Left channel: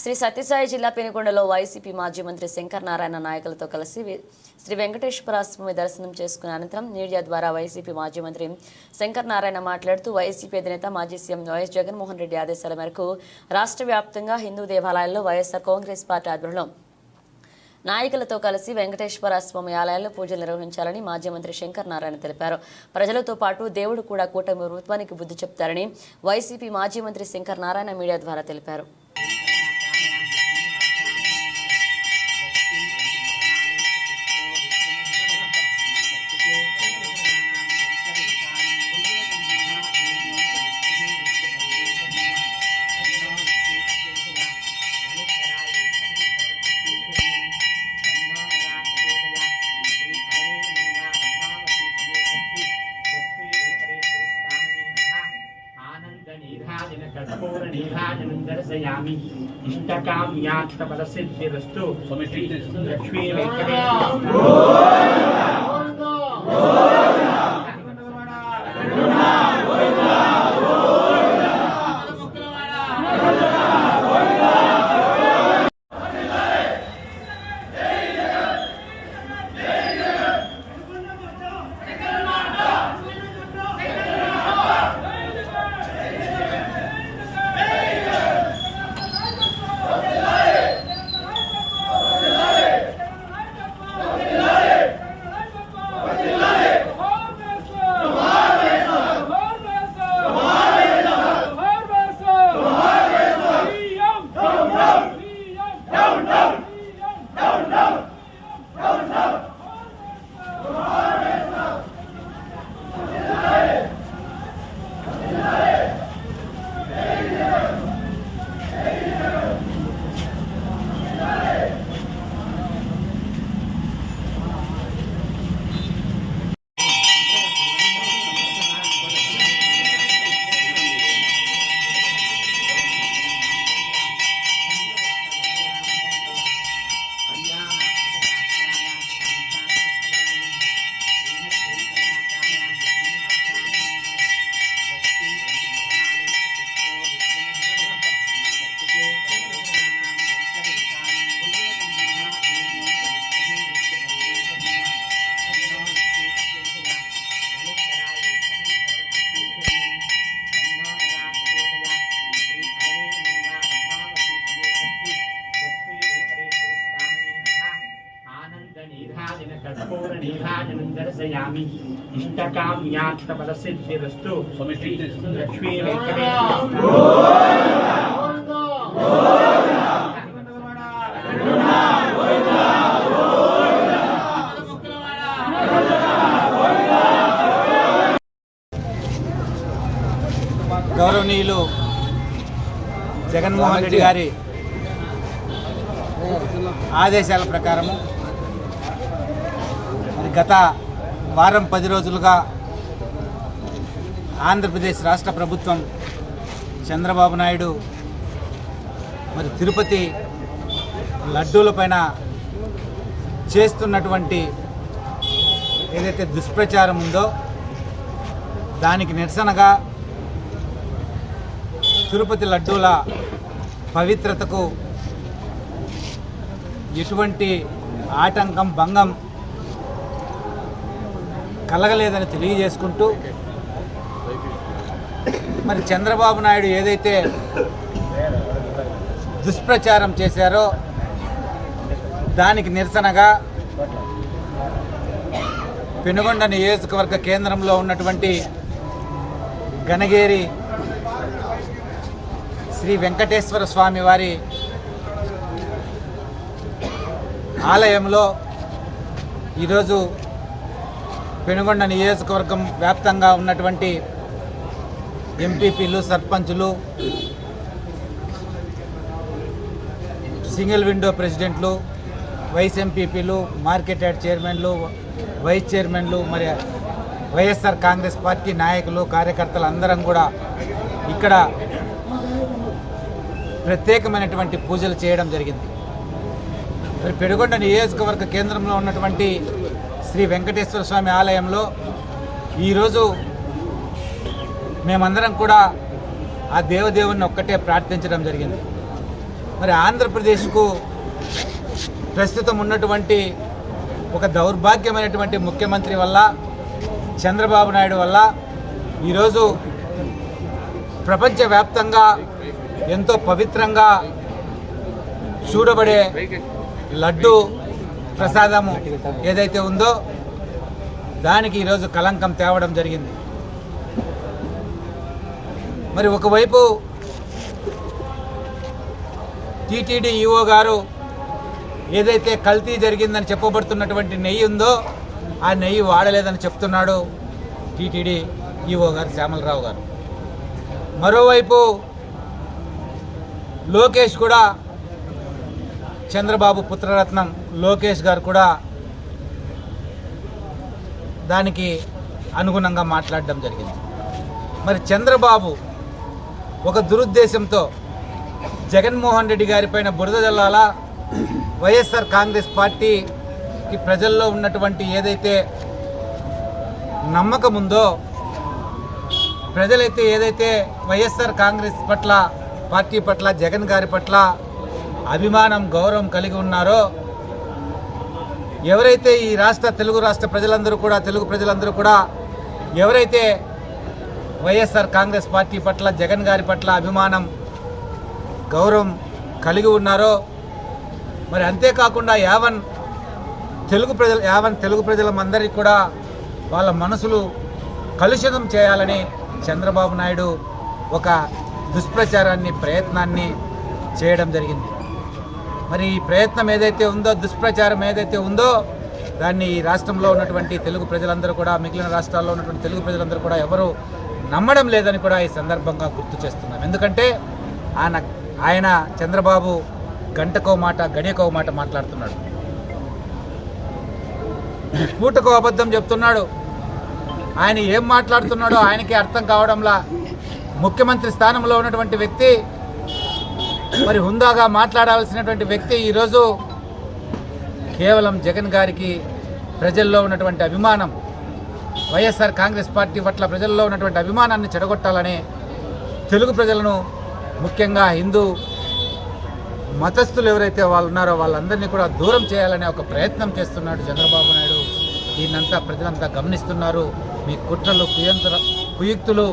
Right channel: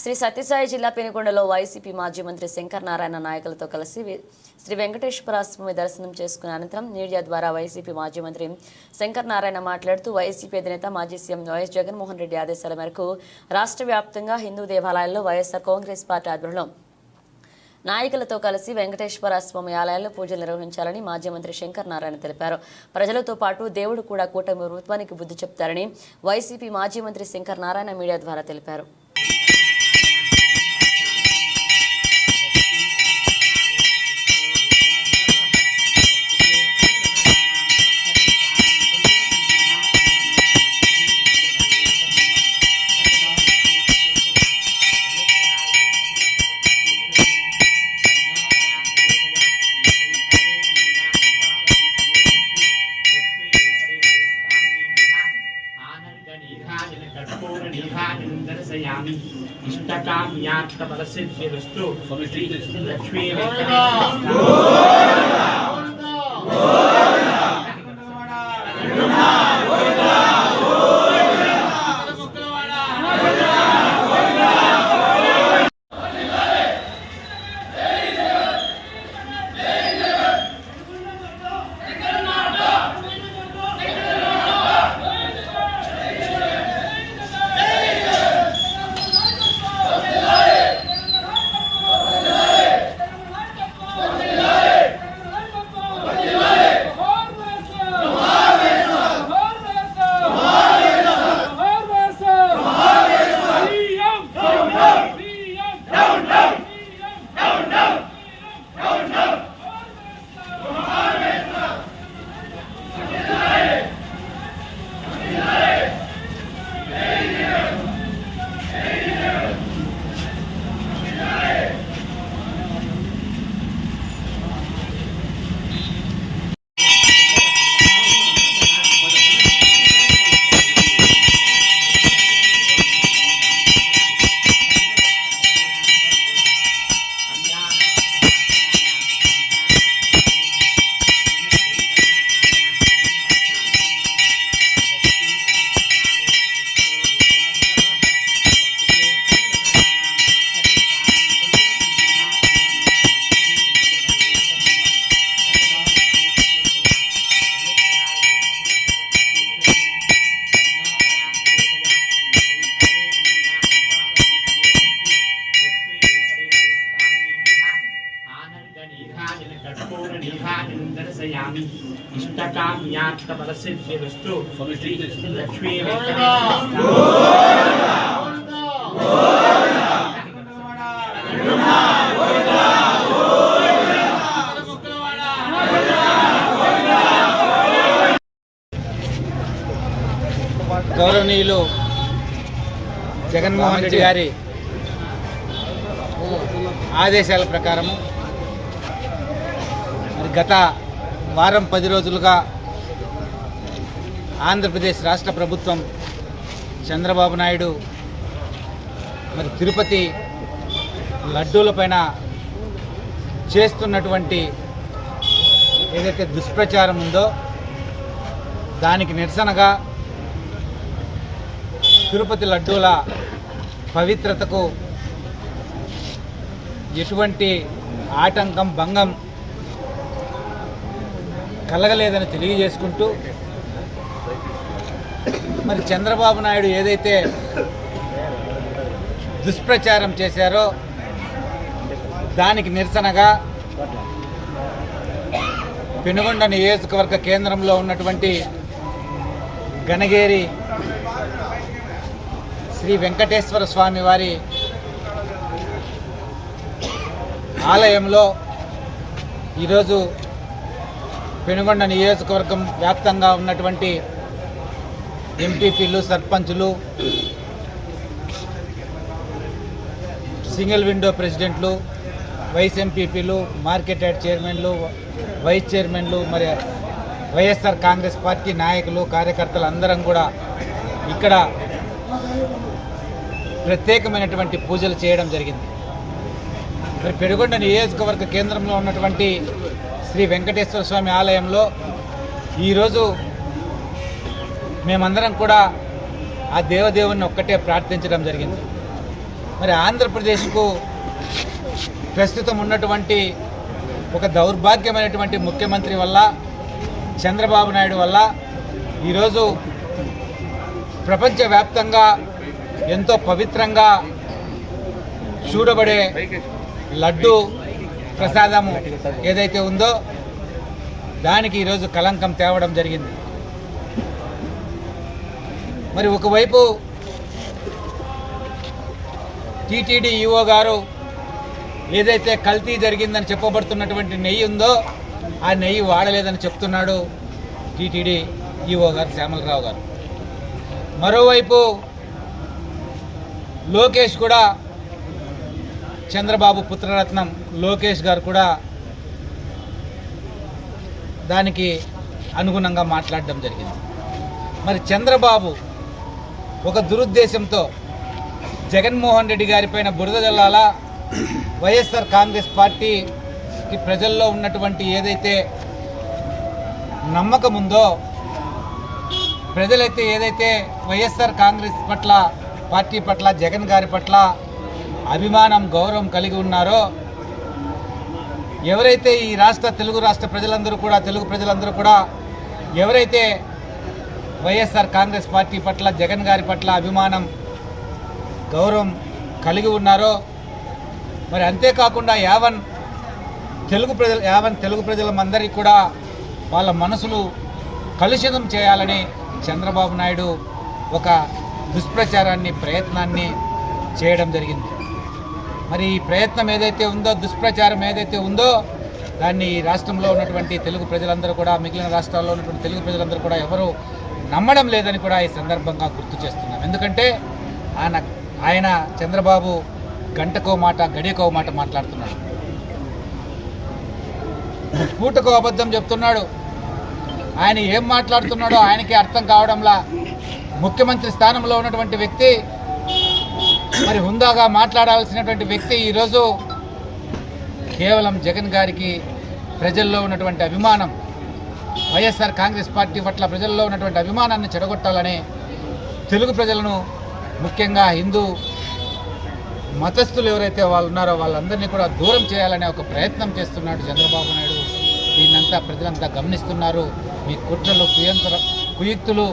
శ్రీ సత్యసాయి జిల్లా పెనుకొండలో వైసీపీ మాజీ మంత్రి శంకర్ నారాయణ నాయకులతో కలిసి శ్రీ వెంకటేశ్వర స్వామి దర్శనం చేసుకున్న అనంతరం మీడియా ద్వారా వైసీపీ మాజీ మంత్రి శంకర్ నారాయణ మాట్లాడుతూ వైసీపీ అధినేత మాజీ సీఎం వైఎస్ జగన్మోహన్ రెడ్డి ఆదేశాల మేరకు రాష్ట్ర వ్యాప్తంగా హిందూ దేవాలయాల్లో వైఎస్ఆర్ కాంగ్రెస్ పార్టీ ఆధ్వర్యంలో నాయకులతో కలిసి వెంకటేశ్వర స్వామి ఆలయాల్లో పూజలు నిర్వహించాలని మాజీ మంత్రి శంకర్ నారాయణ తెలిపారు. ప్రజలతో పాటు దేవుడు కూడా కూటమి ప్రభుత్వానికి బుద్ధి చెప్తారని వైసీపీ మాజీ మంత్రి శంకర్ నారాయణ మీడియా ద్వారా తెలిపారు. అష్టకామ్యాత్మ సిద్ధిరస్తు లక్ష్మీ కామి లక్ష్మీ గౌరవనీయులు జగన్మోహన్ రెడ్డి గారి ఆదేశాల ప్రకారము మరి గత వారం పది రోజులుగా ఆంధ్రప్రదేశ్ రాష్ట్ర ప్రభుత్వం చంద్రబాబు నాయుడు మరి తిరుపతి లడ్డూలపైన చేస్తున్నటువంటి ఏదైతే దుష్ప్రచారం ఉందో దానికి నిరసనగా తిరుపతి లడ్డూల పవిత్రతకు ఎటువంటి ఆటంకం భంగం కలగలేదని తెలియజేసుకుంటూ మరి చంద్రబాబు నాయుడు ఏదైతే దుష్ప్రచారం చేశారో దానికి నిరసనగా పెనుగొండ నియోజకవర్గ కేంద్రంలో ఉన్నటువంటి గణగేరి శ్రీ వెంకటేశ్వర స్వామి వారి ఆలయంలో ఈరోజు పెనుగొండ నియోజకవర్గం వ్యాప్తంగా ఉన్నటువంటి ఎంపీపీలు సర్పంచులు సింగిల్ విండో ప్రెసిడెంట్లు వైస్ ఎంపీపీలు మార్కెట్ యాడ్ చైర్మన్లు వైస్ చైర్మన్లు మరి వైఎస్ఆర్ కాంగ్రెస్ పార్టీ నాయకులు కార్యకర్తలు అందరం కూడా ఇక్కడ ప్రత్యేకమైనటువంటి పూజలు చేయడం జరిగింది. మరి పెనుగొండ నియోజకవర్గ కేంద్రంలో ఉన్నటువంటి శ్రీ వెంకటేశ్వర స్వామి ఆలయంలో ఈరోజు మేమందరం కూడా ఆ దేవదేవుని ఒక్కటే ప్రార్థించడం జరిగింది. మరి ఆంధ్రప్రదేశ్కు ప్రస్తుతం ఉన్నటువంటి ఒక దౌర్భాగ్యమైనటువంటి ముఖ్యమంత్రి వల్ల చంద్రబాబు నాయుడు వల్ల ఈరోజు ప్రపంచవ్యాప్తంగా ఎంతో పవిత్రంగా చూడబడే లడ్డు ప్రసాదము ఏదైతే ఉందో దానికి ఈరోజు కలంకం తేవడం జరిగింది. మరి ఒకవైపు టీటీడీ ఈఓ గారు ఏదైతే కల్తీ జరిగిందని చెప్పబడుతున్నటువంటి నెయ్యి ఉందో ఆ నెయ్యి వాడలేదని చెప్తున్నాడు టీటీడీ ఈఓ గారు శ్యామలరావు గారు. మరోవైపు లోకేష్ కూడా చంద్రబాబు పుత్రరత్నం లోకేష్ గారు కూడా దానికి అనుగుణంగా మాట్లాడడం జరిగింది. మరి చంద్రబాబు ఒక దురుద్దేశంతో జగన్మోహన్ రెడ్డి గారిపైన బురద జల్లాలా వైఎస్ఆర్ కాంగ్రెస్ పార్టీకి ప్రజల్లో ఉన్నటువంటి ఏదైతే నమ్మకం ఉందో ప్రజలైతే ఏదైతే వైఎస్ఆర్ కాంగ్రెస్ పట్ల పార్టీ పట్ల జగన్ గారి పట్ల అభిమానం గౌరవం కలిగి ఉన్నారో ఎవరైతే ఈ రాష్ట్ర తెలుగు రాష్ట్ర ప్రజలందరూ కూడా తెలుగు ప్రజలందరూ కూడా ఎవరైతే వైఎస్ఆర్ కాంగ్రెస్ పార్టీ పట్ల జగన్ గారి పట్ల అభిమానం గౌరవం కలిగి ఉన్నారో మరి అంతేకాకుండా యావన్ తెలుగు ప్రజలు యావన్ తెలుగు ప్రజలందరికీ కూడా వాళ్ళ మనసులు కలుషితం చేయాలని చంద్రబాబు నాయుడు ఒక దుష్ప్రచారాన్ని ప్రయత్నాన్ని చేయడం జరిగింది. మరి ఈ ప్రయత్నం ఏదైతే ఉందో దుష్ప్రచారం ఏదైతే ఉందో దాన్ని ఈ రాష్ట్రంలో ఉన్నటువంటి తెలుగు ప్రజలందరూ కూడా మిగిలిన రాష్ట్రాల్లో ఉన్నటువంటి తెలుగు ప్రజలందరూ కూడా ఎవరు నమ్మడం లేదని కూడా ఈ సందర్భంగా గుర్తు చేస్తున్నాం. ఎందుకంటే ఆయన ఆయన చంద్రబాబు గంటకో మాట గడియకో మాట మాట్లాడుతున్నాడు. పూటకో అబద్ధం చెప్తున్నాడు. ఆయన ఏం మాట్లాడుతున్నాడో ఆయనకి అర్థం కావడంలా ముఖ్యమంత్రి స్థానంలో ఉన్నటువంటి వ్యక్తి మరి హుందాగా మాట్లాడాల్సినటువంటి వ్యక్తి ఈరోజు కేవలం జగన్ గారికి ప్రజల్లో ఉన్నటువంటి అభిమానం వైఎస్ఆర్ కాంగ్రెస్ పార్టీ పట్ల ప్రజల్లో ఉన్నటువంటి అభిమానాన్ని చెడగొట్టాలని తెలుగు ప్రజలను ముఖ్యంగా హిందూ మతస్థులు ఎవరైతే వాళ్ళు ఉన్నారో వాళ్ళందరినీ కూడా దూరం చేయాలనే ఒక ప్రయత్నం చేస్తున్నాడు చంద్రబాబు నాయుడు. దీన్నంతా ప్రజలంతా గమనిస్తున్నారు. మీ కుట్రలు కుయంత్ర కుయుక్తులు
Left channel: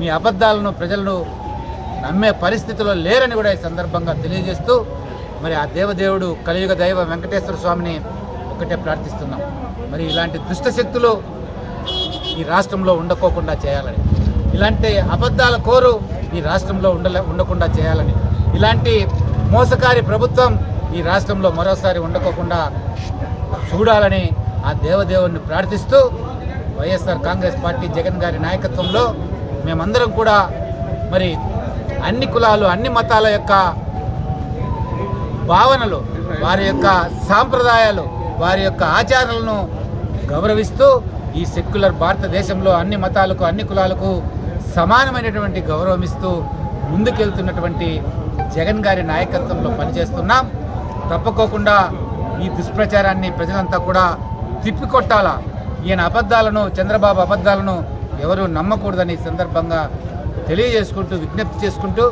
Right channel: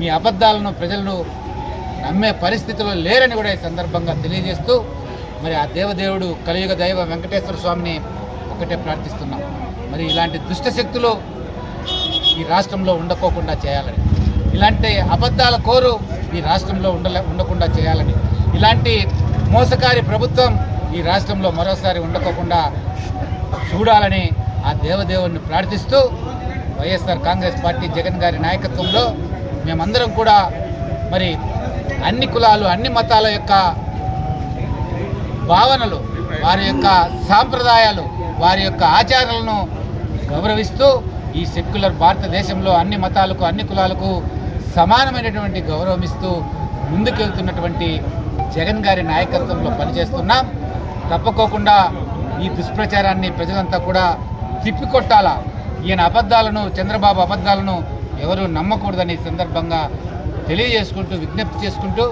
మీ అబద్ధాలను ప్రజలను నమ్మే పరిస్థితిలో లేరని కూడా ఈ సందర్భంగా తెలియజేస్తూ మరి ఆ దేవదేవుడు కలియుగ దైవ వెంకటేశ్వర స్వామిని ఒకటే ప్రార్థిస్తున్నాం. మరి ఇలాంటి దుష్ట శక్తులు ఈ రాష్ట్రంలో ఉండకోకుండా చేయాలని. ఇలాంటి అబద్ధాల కోరు ఈ రాష్ట్రంలో ఉండలే ఉండకుండా చేయాలని. ఇలాంటి మోసకారి ప్రభుత్వం ఈ రాష్ట్రంలో మరోసారి ఉండకోకుండా చూడాలని ఆ దేవదేవుని ప్రార్థిస్తూ వైఎస్ఆర్ కాంగ్రెస్ పార్టీ జగన్ గారి నాయకత్వంలో మేమందరం కూడా మరి అన్ని కులాలు అన్ని మతాల యొక్క భావనలు వారి యొక్క సాంప్రదాయాలు వారి యొక్క ఆచారాలను గౌరవిస్తూ ఈ సెక్యులర్ భారతదేశంలో అన్ని మతాలకు అన్ని కులాలకు సమానమైనటువంటి గౌరవం ఇస్తూ ముందుకెళ్తున్నటువంటి జగన్ గారి నాయకత్వంలో పనిచేస్తున్నాం. తప్పకోకుండా ఈ దుష్ప్రచారాన్ని ప్రజలంతా కూడా తిప్పికొట్టాలా? ఈయన అబద్ధాలను చంద్రబాబు అబద్ధాలను ఎవరూ నమ్మకూడదని సందర్భంగా తెలియజేసుకుంటూ విజ్ఞప్తి చేసుకుంటూ